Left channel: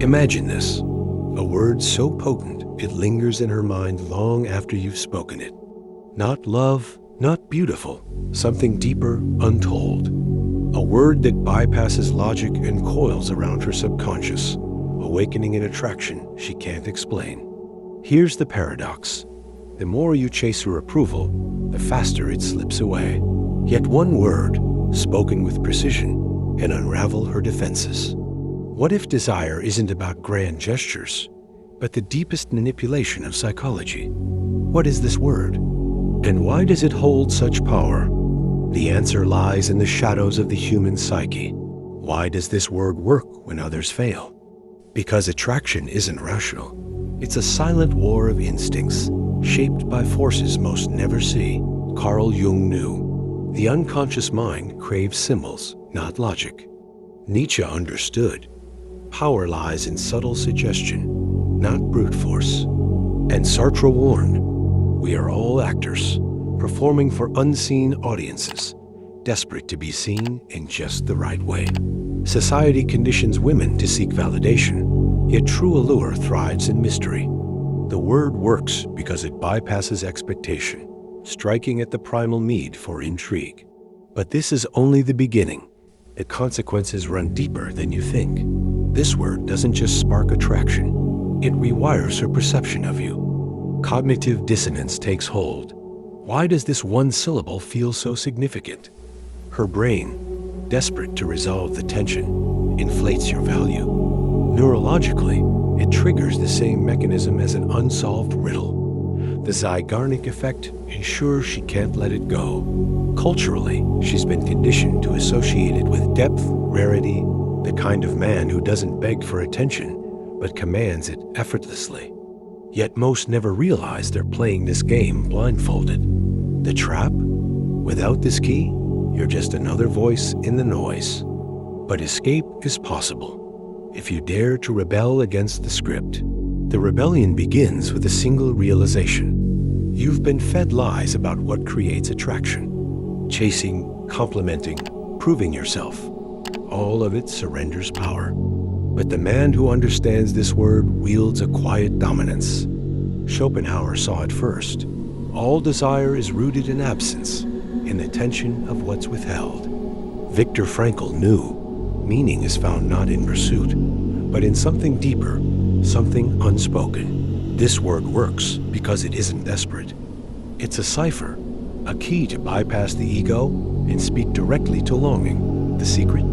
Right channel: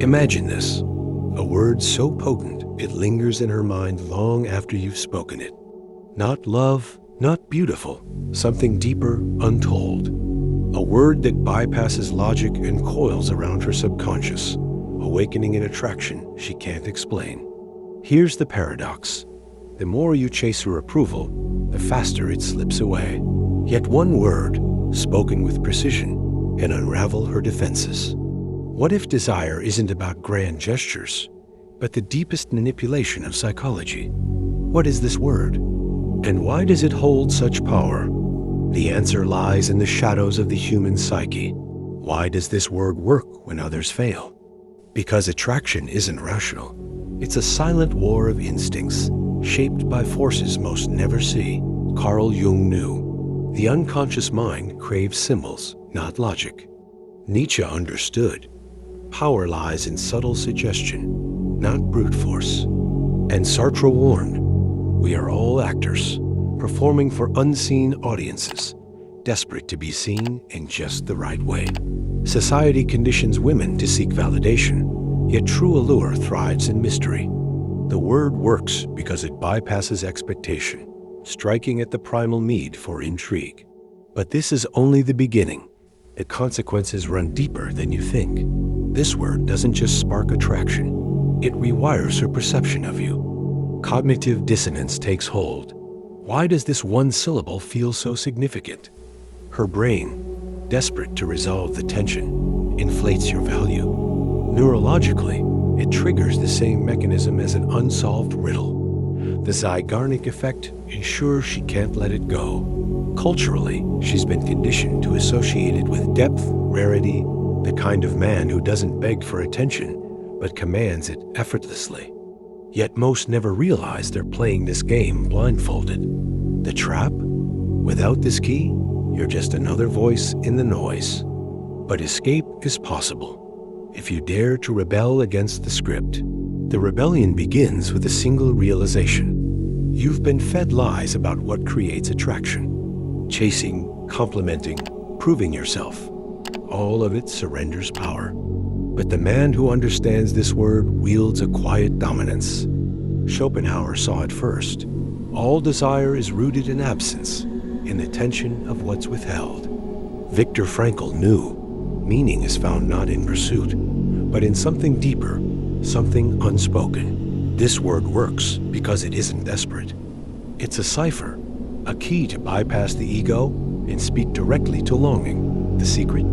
Imagine this, a word so potent it lingers in her mind long after you've spoken it. Not love, not beautiful, something deeper, untold. A word that bypasses logic and coils around her subconscious, awakening an attraction she can't explain. Here's the paradox. The more you chase her approval, the faster it slips away. Yet one word, spoken with precision, can unravel her defenses. What if desire isn't about grand gestures, but the deepest manipulation of psychology? What is this word? And why does it hold such power? The answer lies in the shadows of the human psyche. Why does this word work when others fail? Because attraction isn't rational. It's a silent war of instincts, shaped by forces most never see. Carl Jung knew. The unconscious mind craves symbols, not logic. Nietzsche understood. Power lies in subtle suggestion, not brute force. And Sartre warned, we are all actors, performing for unseen audiences, desperate to be seen in just the right way. Society conditions women to seek validation, yet true allure thrives in mystery. The word works because it bypasses expectation, striking at the primal need for intrigue. But this is only the beginning. The consequences run deeper than you think. This word doesn't just spark attraction, it rewires her perception of you. Cognitive dissonance takes hold. Why does this one syllable feel so significant? Her brain, desperate to resolve the tension, inflates your value. Neurologically, it triggers the same mechanism as an unsolved riddle. The Zeigarnik effect ensures she can't let it go. Culturally, she's been conditioned to associate it with depth, rarity, the kind of man who doesn't beg for attention, but commands it effortlessly. Yet most never realize they're playing this game blindfolded. The trap? Without this key, you're just another voice in the noise. But escape is possible, if you dare to rebel against the script. The rebellion begins with a single realization. You've been fed lies about what creates attraction. Chasing, complimenting, proving yourself. All of it surrenders power. But the man who understands this word wields a quiet dominance. Schopenhauer saw it first. All desire is rooted in absence, in the tension of what's withheld. Viktor Frankl knew meaning is found not in pursuit, but in something deeper, something unspoken. This word works because it isn't desperate. It's a cipher, a key to bypass the ego and speak directly to longing. The secret?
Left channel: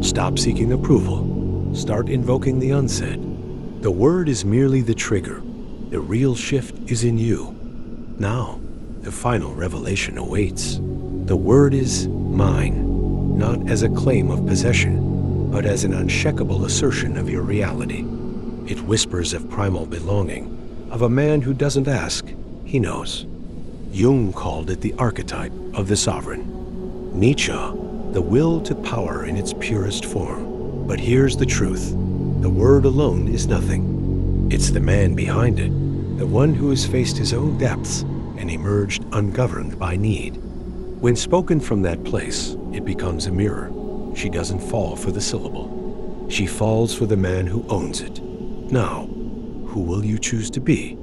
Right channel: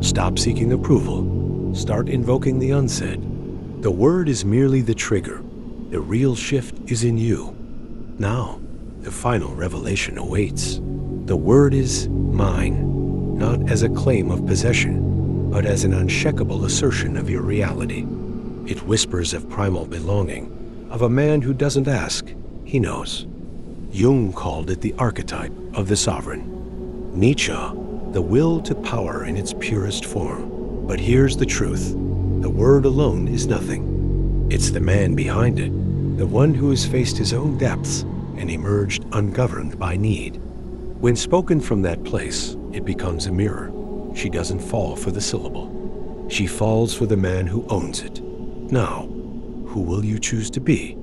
Stop seeking approval. Start invoking the unsaid. The word is merely the trigger. The real shift is in you. Now, the final revelation awaits. The word is mine, not as a claim of possession, but as an unshakable assertion of your reality. It whispers of primal belonging, of a man who doesn't ask, he knows. Jung called it the archetype of the sovereign. Nietzsche, the will to power in its purest form. But here's the truth. The word alone is nothing. It's the man behind it, the one who has faced his own depths and emerged ungoverned by need. When spoken from that place, it becomes a mirror. She doesn't fall for the syllable. She falls for the man who owns it. Now, who will you choose to be?